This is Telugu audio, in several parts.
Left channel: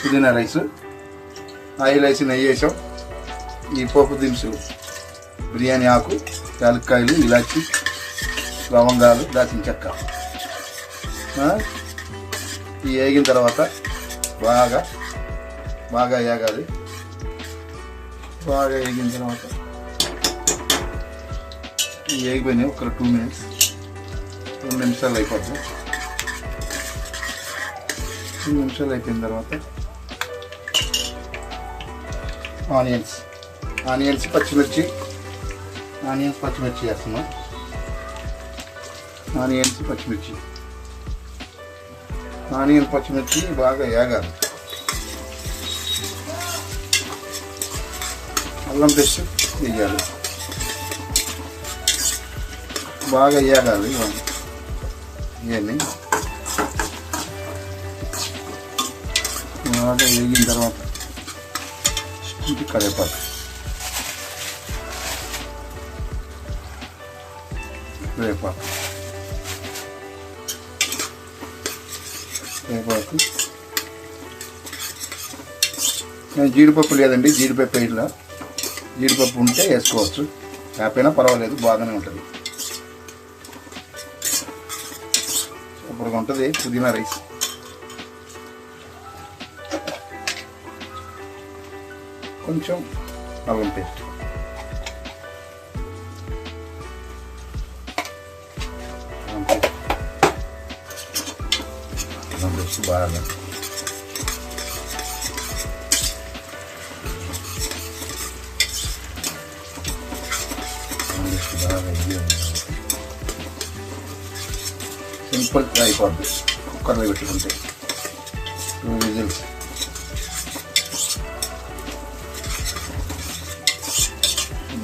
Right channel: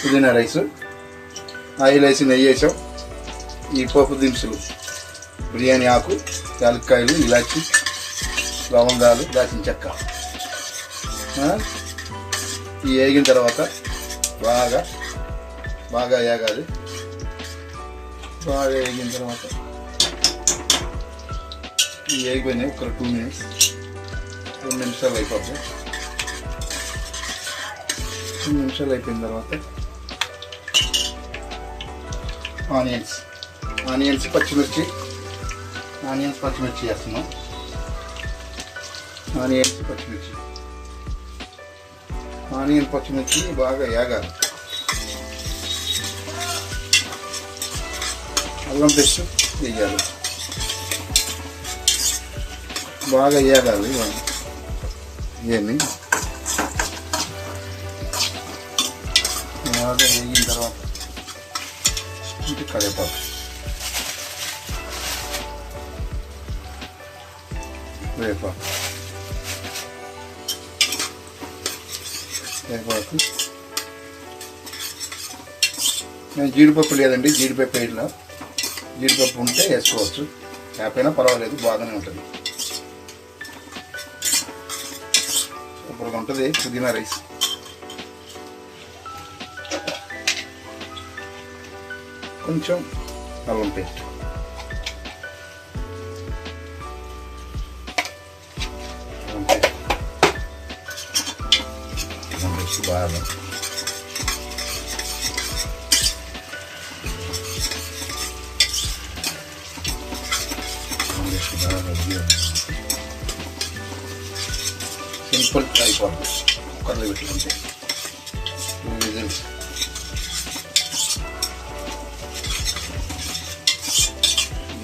పుదీనా రైసు, ఆయిల్ వేసి నెయ్యి వేసాం. ఈ పోపు దినుసులు బిర్యానీ ఆకు, యాలక్కాయలు, ఇలాచి, లవంగాలు, దాచిన చెక్క ఈ వేగిన తర్వాత బాగా వేగాలి. బాగా వేగిన తర్వాత ఈ వేగిపోయినాయి. ఒక 2 నిమిషాలు అయిపోద్ది. 2 నిమిషాలు అయిపోయిన తర్వాత ఆనియన్స్ పచ్చిమిర్చి వేస్తున్నాం. ఆనియన్ పచ్చిమిర్చి బాగా వేగాలి. అల్లం పేస్ట్ వేయాలి. బాగా వేగాలి. ఇవన్నీ బాగా వేగిన తర్వాత ఇది కరివేపాకు, జీడిపప్పు లేదండి, జీడిపప్పు ఇట్లా జీడిపప్పు ఉంటే వేసుకోవచ్చు, లేకపోయినా పర్వాలేదు, బాగానే ఉంటుంది. సూపర్గా ఉంటుంది పుదీనా రైస్. కొంచెం అల్లం పేస్ట్, బాగా సింపుల్ అయిపోద్ది. కుక్కర్లో పెట్టుకుంటే 2 విజిల్స్.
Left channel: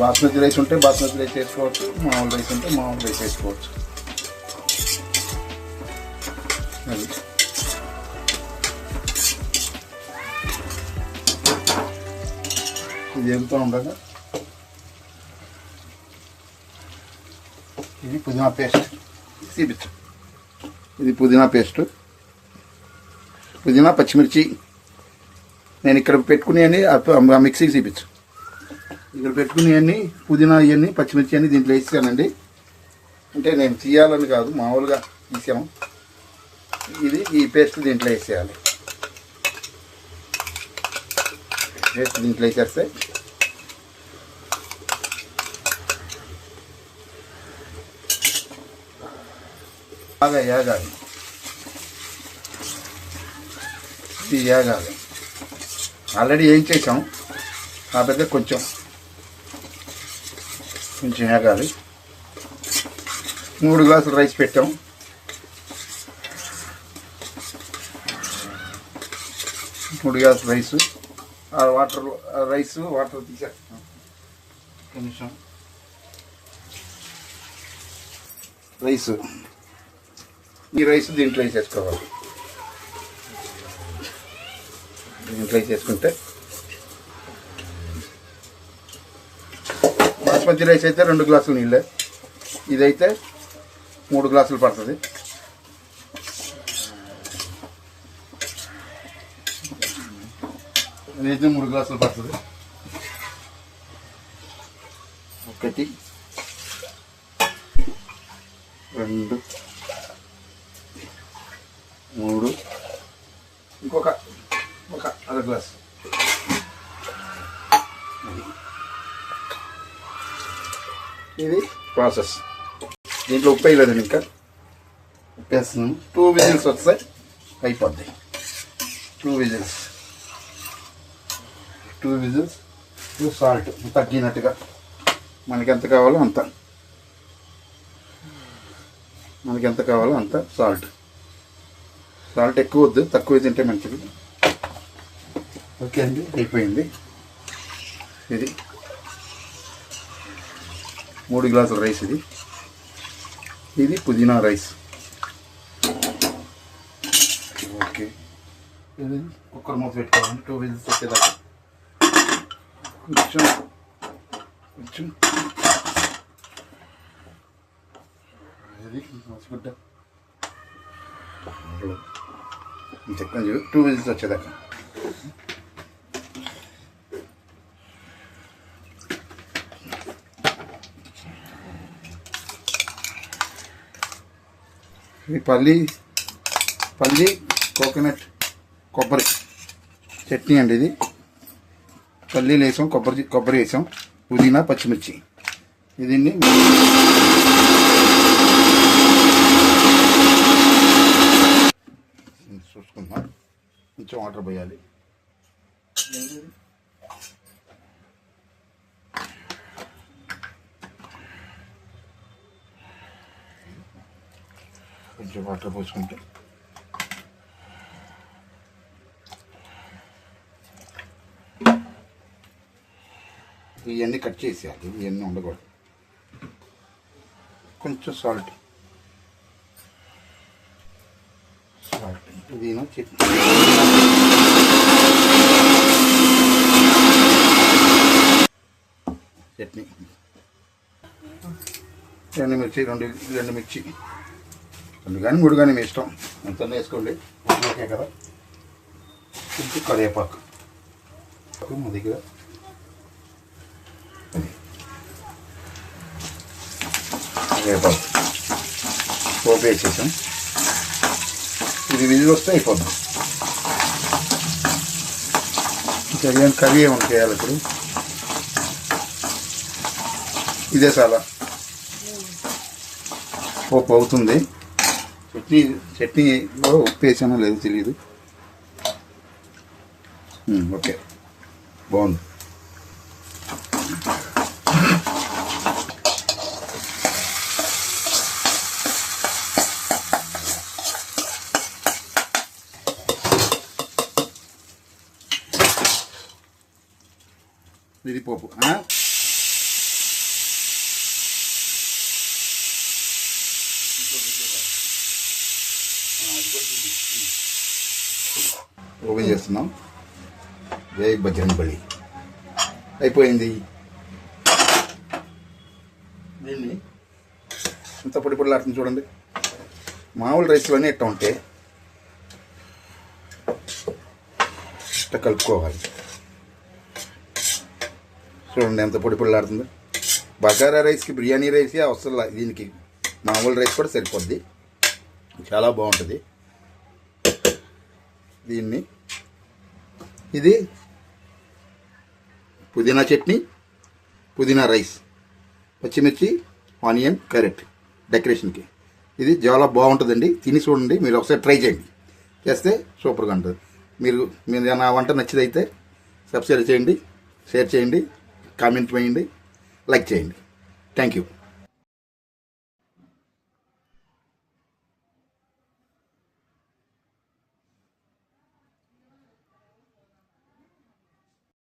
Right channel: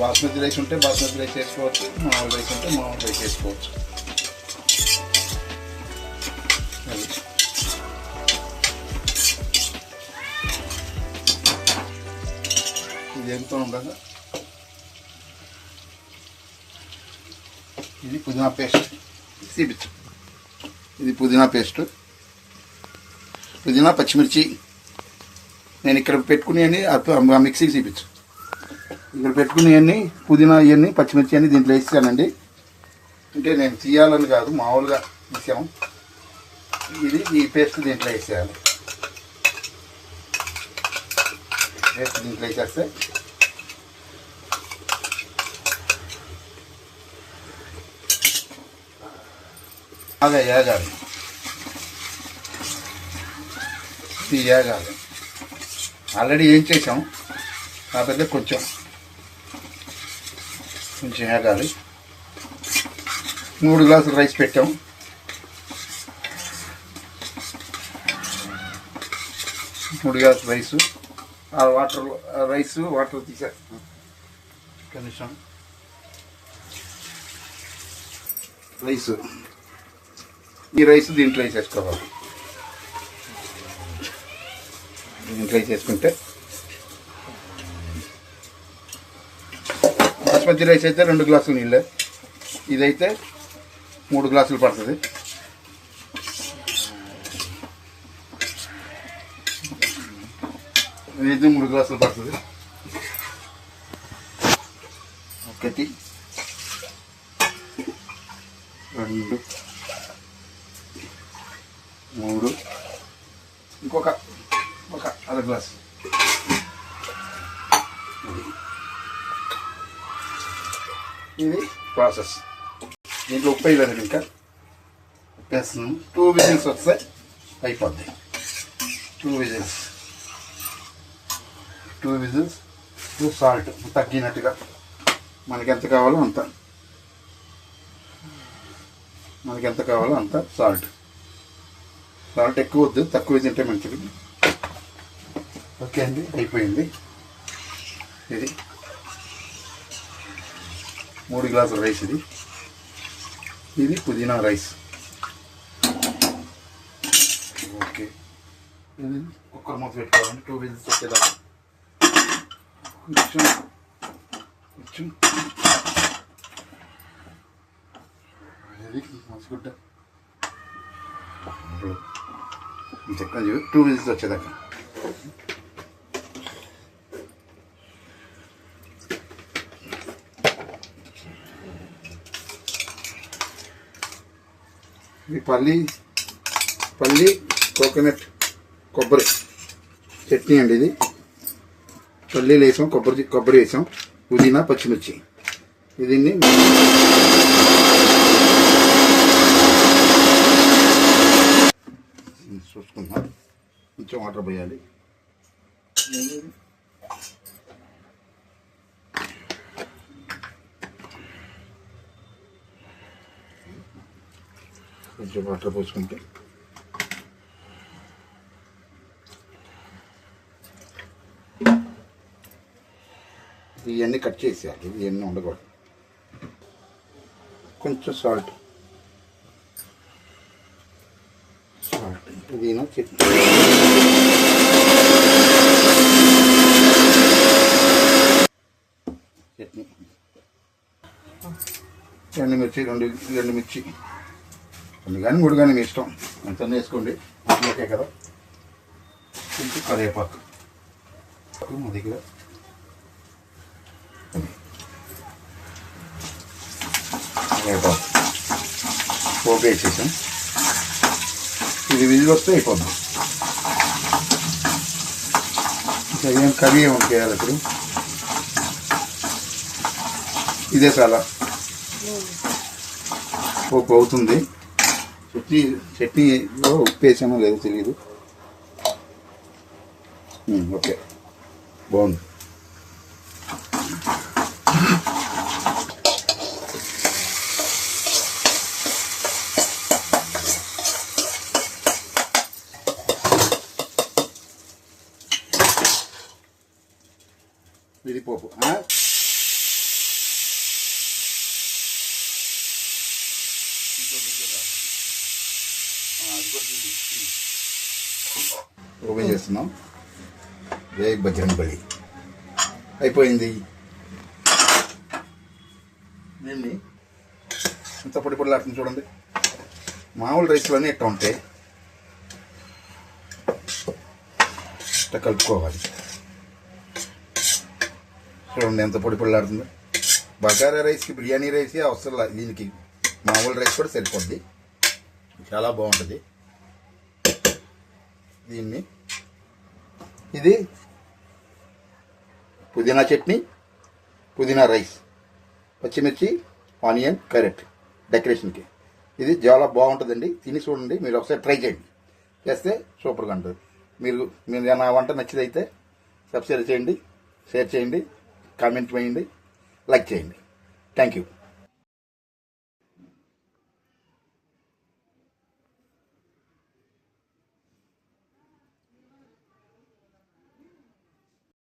బాస్మతి రైస్ ఉంటే బాస్మతి రైస్ వేసుకోవచ్చు, మామూలు రైస్ ఉంటే మామూలు రైస్ వేసుకోవచ్చు. అది ఇది ఎగుతూ ఉండగా ఇది పుదీనా పేస్ట్ చూపించు. ఇది పుదీనా పేస్టు, పుదీనా పచ్చిమిర్చి. నేను ఇక్కడ పెట్టుకునేవి మిక్సీకి చూపించు. ఇక్కడ పెట్టుకునేవన్నీ పుదీనా ఇవన్నీ పచ్చిమిర్చి అన్నీ దీంట్లో వేసానండి. అంటే నేను తీయాలని కాదు, మామూలుగా వేసాము. ఈ పేస్ట్ దీంట్లో వేసేయాలి. పేస్ట్ దీంట్లో వేసేస్తే బాగా వేగాలి. ఇది వేగాలి. ఆల్రెడీ ఏం చేసాము కాకపోతే కొంచెం వేగాలి. 3 గ్లాసులు రైస్ పెట్టాము. 3 గ్లాసులు రైసు, వాటర్ తీసేస్తాం. కనీసం ఈ రైస్ దీంట్లో వేసేసుకోవాలి. దీంట్లో వేసేసుకుంటే బాస్మతి రైస్ అయితే 2 గ్లాసులు నీళ్ళు, ఇదైతే 3 గ్లాసులు పడుతుంది. ఇదైతే 3 గ్లాసులు పడుతుంది. 1 2 3 ఇంకొక 1/2 గ్లాసు. ఇది ప్రాసెస్. దీంట్లో ఉప్పు వేయలేదండి, ఇంకా ఉప్పు వేస్తున్నాను. 2 విజిల్స్ వస్తే అయిపోద్ది. 2 విజిల్స్ సాల్ట్ తగ్గినట్టుగా మనకి ఎంత కావాలో అంత సాల్ట్ ఎక్కువ వద్దు, తక్కువ తింటే మంచిది. ఓకే అండి, అయిపోయింది. ఇది 3 గ్లాసుల రైస్. ఇది పుదీనా రైస్. ఓకే, ఇది కుక్కర్ మూత పెట్టుకోవాలండి. 2 విజిల్స్ వచ్చేదాకా కొంచెం ఇది మోసుకుంటా చెప్పండి. 2 విజిల్స్ వచ్చేదాకా ఇది పల్లి కోకోనట్ కొబ్బరి చట్నీ అండి. ఇది పల్లీలు వేసాం, కొబ్బరి వేసాం, పుదీనా, పచ్చిమిర్చి. దీన్ని చూసుకుందాం. కొంచెం వాటర్ పోయాలి. కొంచెం వాటర్ పోసుకుంటే ఇవన్నీ కట్ చేసేయాలి. ఇవన్నీ ఉండకూడదు. కొంచెం సాల్ట్ పుదీనా చట్నీ, ఎండుమిర్చి రెండు మిర్చి, 2 కానీ 3 కానీ మీ ఇష్టం, ఎంత వేసుకోండి. ఓకే కదా. కొంచెం కరివేపాకు మా దగ్గర. కరివేపాకు పోపు వేసేసాం. ఇది విజిల్ వస్తే అయిపోద్దాం. ఇంకా కర్రీ ఏమైనా చేయాలి ఇప్పుడు. ఇదే చాలా పోపు అవుతుంది. చట్నీలో ఉప్పు వేసామో లేదో తెలియదు. ఓకే, బాగుంది. విడిపోపు ఓపెన్ చేస్తున్నాం. జై బజరంగబలి. అయిపోయింది. దీన్ని ఇంత పొడి పొడిలాడుతుంది చూడండి. మామూలు రైస్లోనే ఇట్లా ఉంటాయి. ఇట్లా కలుపుకోవాలి. చూడండి ఎంత పొడి పొడిలాడుతుందో. బగారా రైస్కి బిర్యానీ రైస్ అవసరం లేదు. దీనికి మామూలు రైస్ కూడా సరిపోద్ది. చాలా బాగుంటుంది. దీన్ని ఇది పుదీనా చట్నీ, పుదీనా రైస్, పచ్చిమిర్చి, ఆనియన్, క్యారెట్ డెకరేషన్కి. ఇది చాలా బాగుంటుందండి. తిని చూడండి. మీరు ఒకసారి ట్రై చేయండి. చేస్తే సూపర్గా ఉంటుంది. మీరు నా వంట నచ్చిదైతే సబ్స్క్రైబ్ చేయండి, షేర్ చేయండి, కామెంట్ వేయండి, లైక్ చేయండి. Thank you.